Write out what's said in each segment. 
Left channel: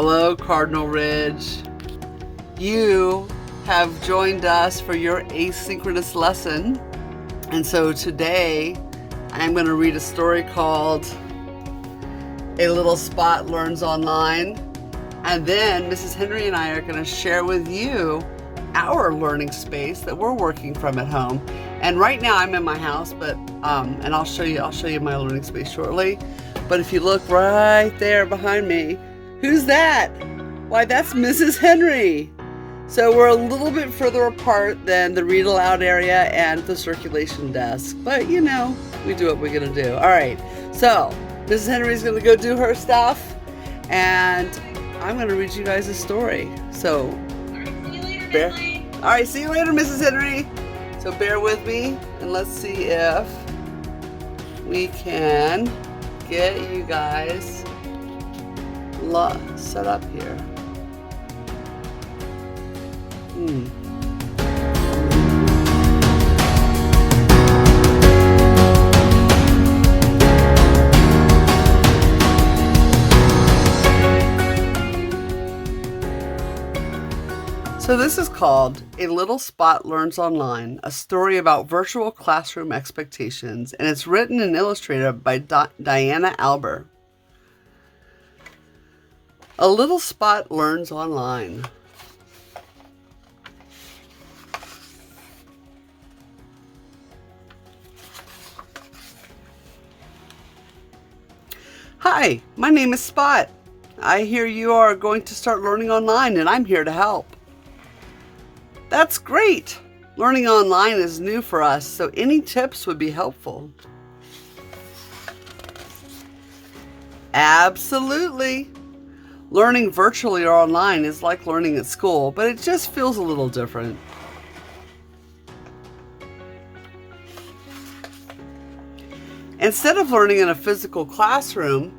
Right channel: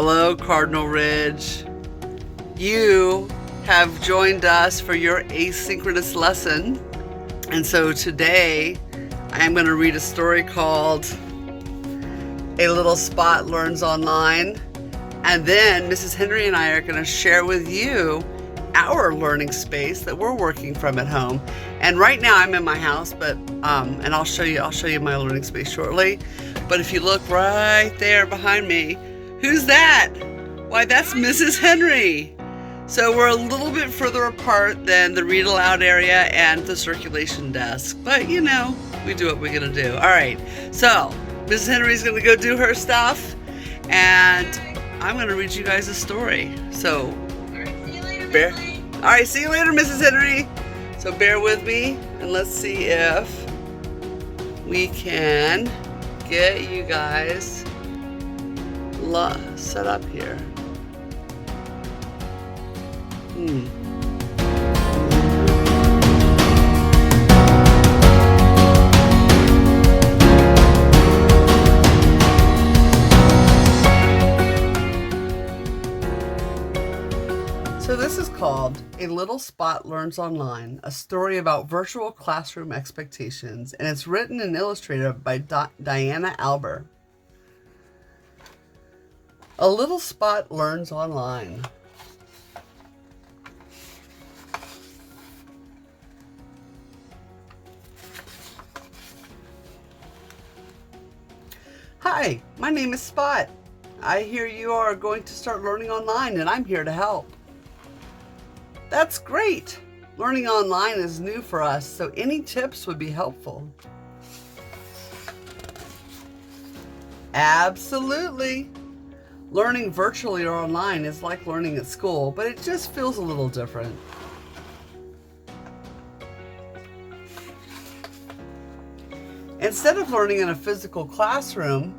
Hello, Cardinal Ridge. You have joined us for your asynchronous lesson. And so today I'm going to read a story called A Little Spot Learns Online. And then Mrs. Henry and I are going to share with you our learning space that we're working from at home. And right now I'm in my house, but and I'll show you my learning space shortly. But if you look right there behind me, who's that? Why, that's Mrs. Henry. So we're a little bit further apart than the read aloud area and the circulation desk. But you know, we do what we're gonna do. All right, so Mrs. Henry's gonna go do her stuff and I'm gonna read you guys a story. So, all right, see you later, Mrs. Henry. So bear with me and let's see if we can get you guys set up here. So this is called A Little Spot Learns Online, a story about virtual classroom expectations, and it's written and illustrated by Diana Alber. A Little Spot Learns Online. Hi, my name is Spot. I hear you are going to start learning online and I'm here to help. That's great! Learning online is new for us, so any tips would be helpful. Absolutely! Learning virtually or online is like learning at school, but it just feels a little different. Instead of learning in a physical classroom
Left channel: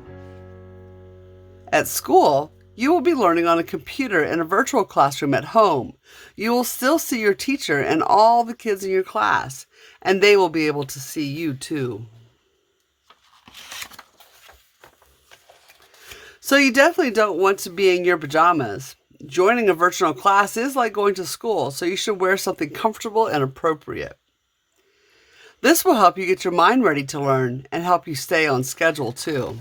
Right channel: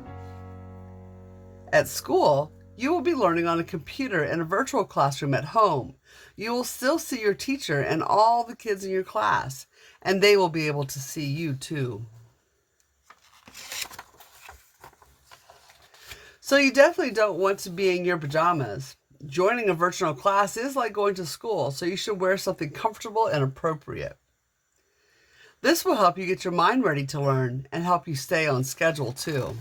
at school, you will be learning on a computer in a virtual classroom at home. You will still see your teacher and all the kids in your class, and they will be able to see you too. So you definitely don't want to be in your pajamas. Joining a virtual class is like going to school, so you should wear something comfortable and appropriate. This will help you get your mind ready to learn and help you stay on schedule too.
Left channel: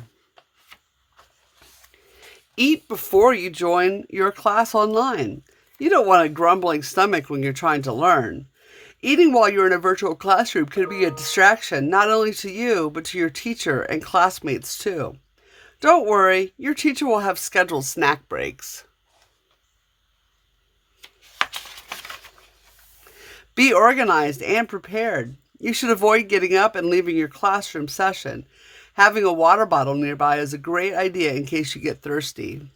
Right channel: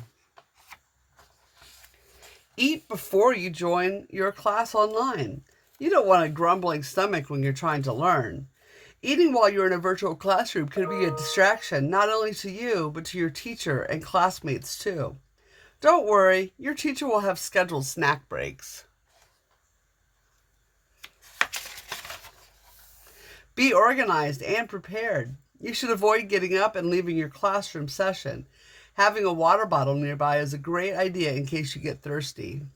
Eat before you join your class online. You don't want a grumbling stomach when you're trying to learn. Eating while you're in a virtual classroom can be a distraction not only to you, but to your teacher and classmates too. Don't worry, your teacher will have scheduled snack breaks. Be organized and prepared. You should avoid getting up and leaving your classroom session. Having a water bottle nearby is a great idea in case you get thirsty.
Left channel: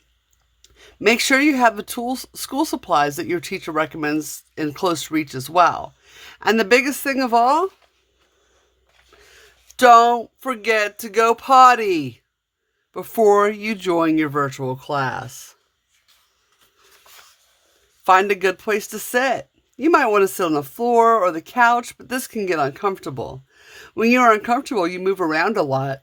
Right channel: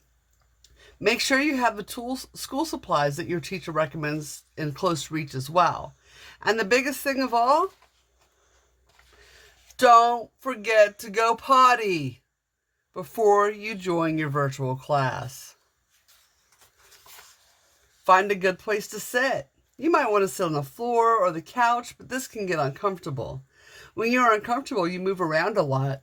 Make sure you have the school supplies that your teacher recommends in close reach as well. And the biggest thing of all, don't forget to go potty before you join your virtual class. Find a good place to sit. You might want to sit on the floor or the couch, but this can get uncomfortable. When you're uncomfortable, you move around a lot.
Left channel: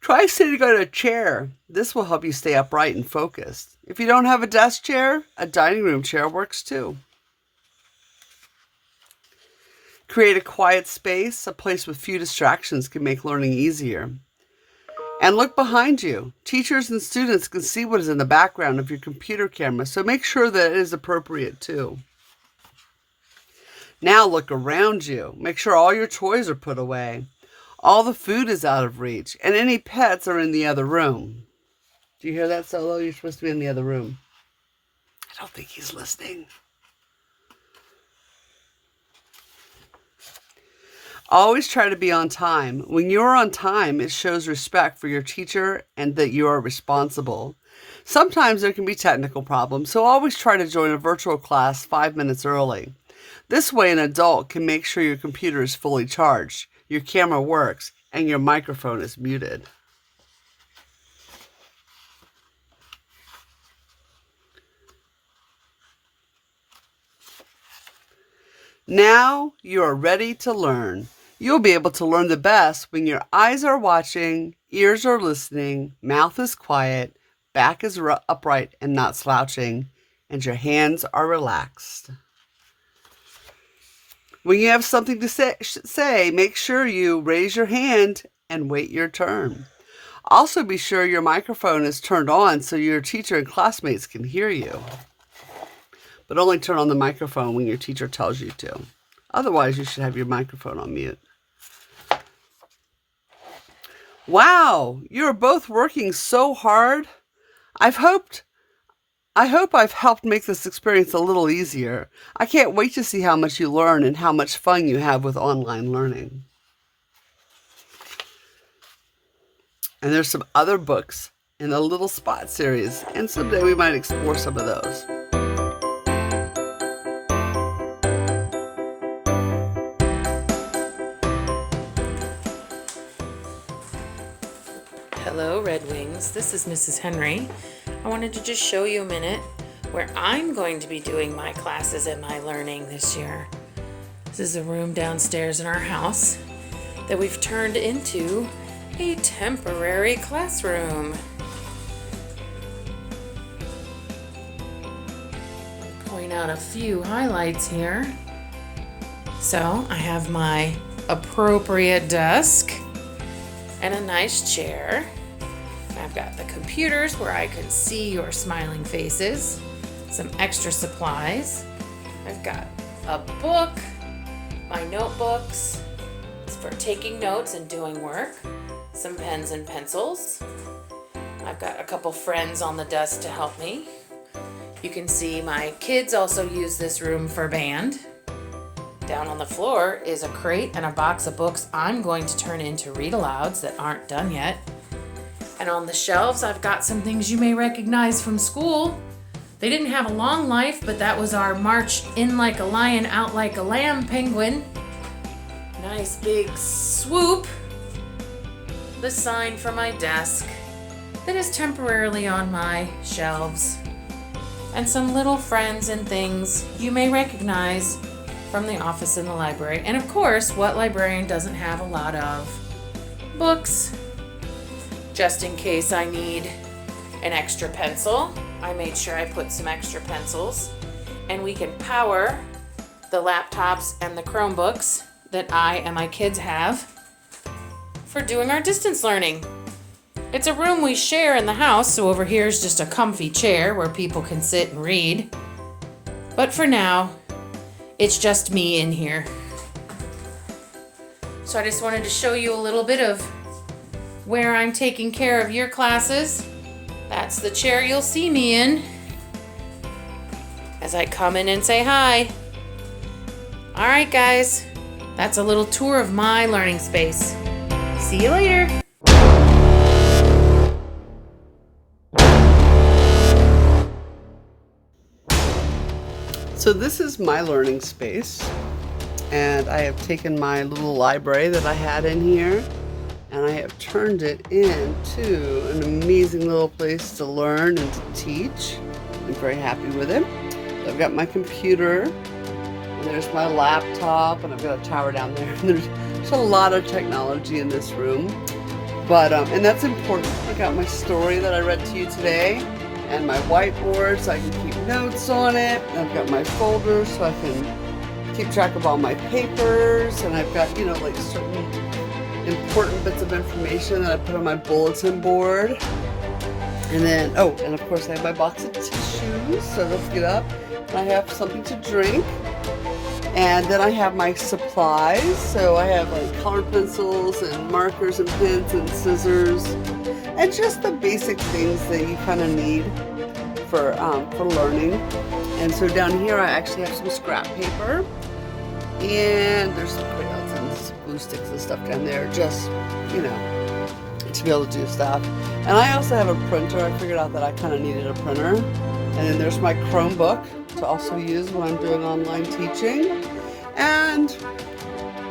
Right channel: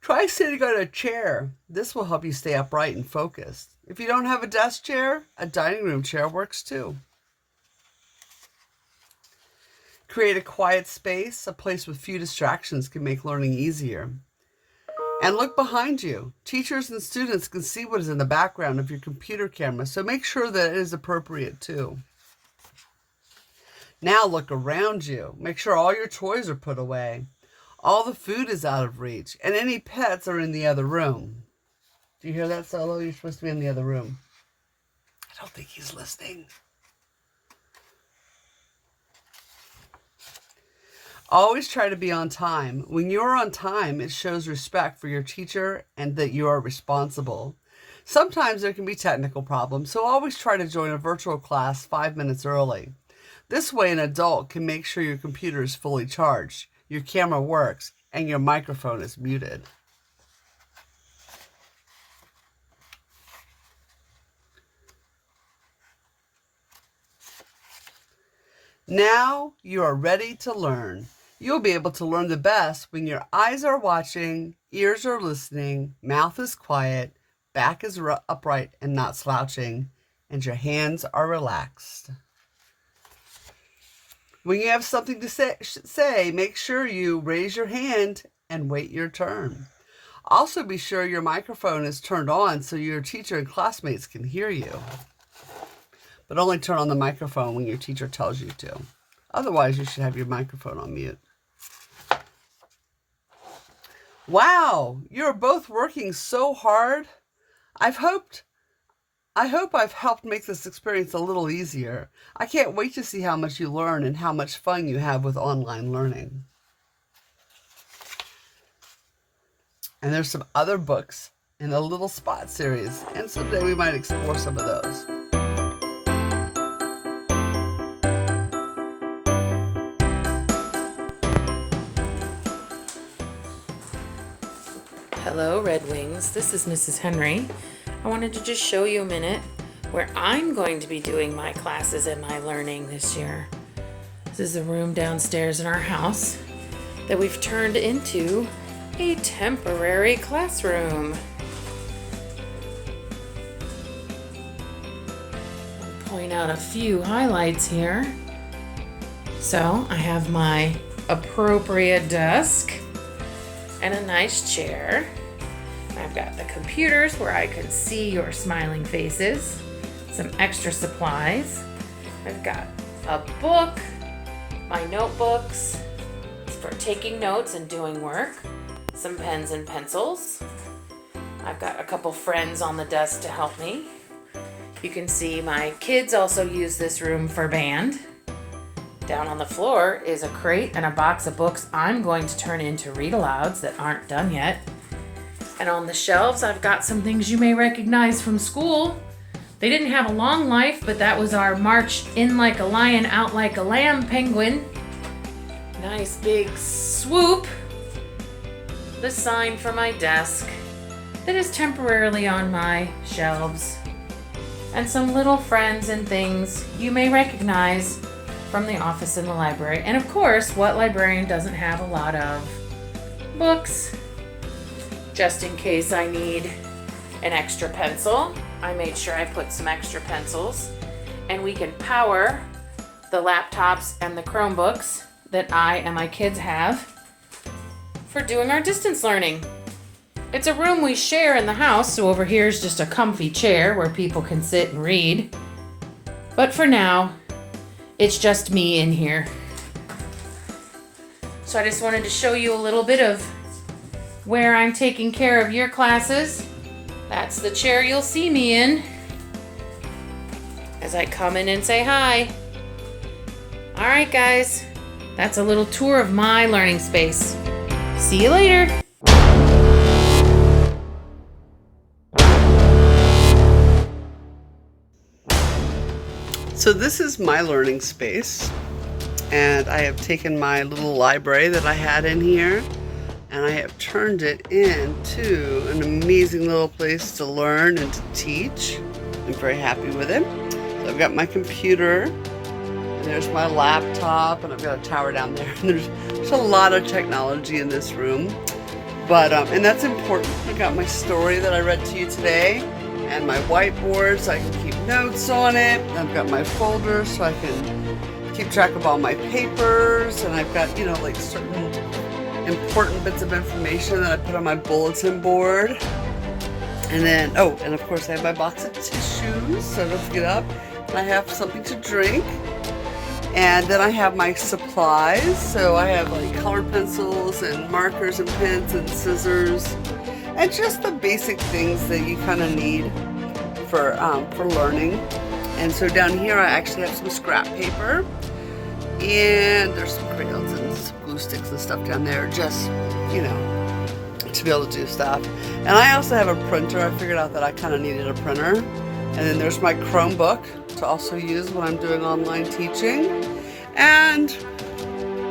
Try sitting on a chair. This will help you stay upright and focused. If you don't have a desk chair, a dining room chair works too. Create a quiet space. A place with few distractions can make learning easier. And look behind you. Teachers and students can see what is in the background of your computer camera, so make sure that it is appropriate too. Now look around you. Make sure all your toys are put away. All the food is out of reach, and any pets are in the other room. Do you hear that, Solo? You're supposed to be in the other room. I don't think he's listening. Always try to be on time. When you're on time, it shows respect for your teacher and that you are responsible. Sometimes there can be technical problems, so always try to join a virtual class 5 minutes early. This way, an adult can make sure your computer is fully charged, your camera works, and your microphone is muted. Now you are ready to learn. You'll be able to learn the best when your eyes are watching, ears are listening, mouth is quiet, back is upright and not slouching, and your hands are relaxed. When you have something to say, make sure you raise your hand and wait your turn. Also, be sure your microphone is turned on so your teacher and classmates can hear you. But only turn on the microphone when your teacher tells you to. Otherwise, you should have your microphone on mute. Wow, you're both working so hard. I hope I've helped make this experience a little easier. I can't wait to see how much you learn and how much fun you have with online learning. And there's some other books in the Little Spot series, and someday we might explore some of those. Hello, Red Wings. This is Mrs. Henry. I wanted to just show you a minute where I'm going to be doing my classes and my learning this year. This is a room downstairs in our house that we've turned into a temporary classroom. I'll point out a few highlights here. So I have my appropriate desk and a nice chair. I've got the computers where I can see your smiling faces, some extra supplies. I've got a book, my notebooks for taking notes and doing work, some pens and pencils. I've got a couple friends on the desk to help me. You can see my kids also use this room for band. Down on the floor is a crate and a box of books I'm going to turn into read-alouds that aren't done yet. And on the shelves, I've got some things you may recognize from school. They didn't have a long life, but that was our March in like a lion, out like a lamb penguin. Nice big swoop. The sign for my desk that is temporarily on my shelves. And some little friends and things you may recognize from the office in the library. And of course, what librarian doesn't have a lot of? Books. Just in case I need an extra pencil, I made sure I put some extra pencils. And we can power the laptops and the Chromebooks that I and my kids have for doing our distance learning. It's a room we share in the house, so over here is just a comfy chair where people can sit and read. But for now, it's just me in here. So I just wanted to show you a little bit of where I'm taking care of your classes. That's the chair you'll see me in as I come in and say hi. All right, guys, that's a little tour of my learning space. See you later. So this is my learning space, and I have taken my little library that I had in here, and I have turned it into an amazing little place to learn and to teach. I'm very happy with it. So I've got my computer, and there's my laptop, and I've got a tower down there. And there's a lot of technology in this room, but and that's important. I got my story that I read to you today, and my whiteboard so I can keep notes on it. I've got my folder so I can keep track of all my papers, and I've got, like certain important bits of information that I put on my bulletin board. And then, and of course I have my box of tissues, so let's get up. And I have something to drink. And then I have my supplies, so I have like colored pencils and markers and pens and scissors, and just the basic things that you kind of need for learning. And so down here I actually have some scrap paper, and there's some crayons and some glue sticks and stuff down there, just, to be able to do stuff. And I also have a printer. I figured out that I kind of needed a printer. And then there's my Chromebook to also use when I'm doing online teaching. And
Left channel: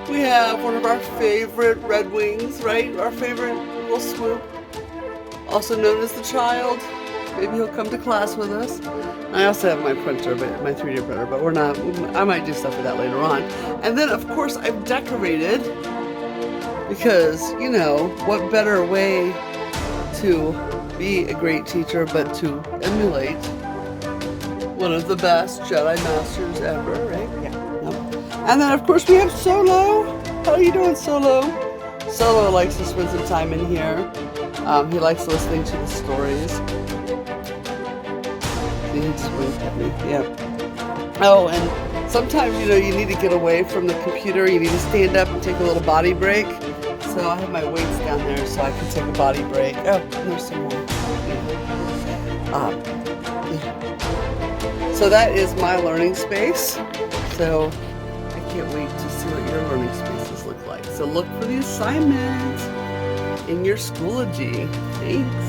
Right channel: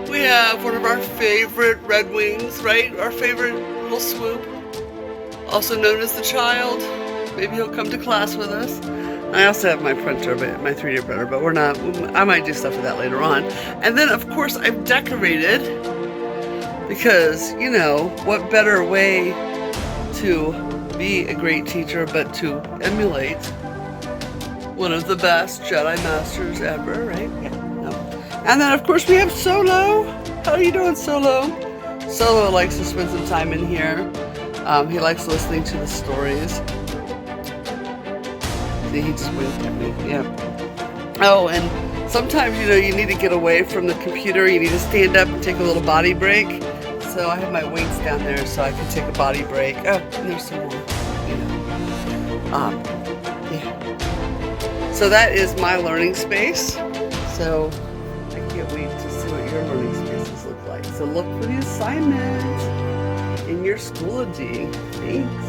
we have one of our favorite Red Wings, right? Our favorite little swoop, also known as the child. Maybe he'll come to class with us. I also have my printer, my 3D printer, but I might do stuff with that later on. And then, of course, I've decorated because, what better way to be a great teacher, but to emulate one of the best Jedi Masters ever, right? Yeah. No. And then, of course, we have Solo. How are you doing, Solo? Solo likes to spend some time in here. He likes listening to the stories. See, he just winked at me. Yeah. Oh, and sometimes, you need to get away from the computer. You need to stand up and take a little body break. So I have my weights down there so I can take a body break. Oh, and there's some more. Yeah. So that is my learning space. So I can't wait to see what your learning spaces look like. So look for the assignment in your Schoology. Thanks.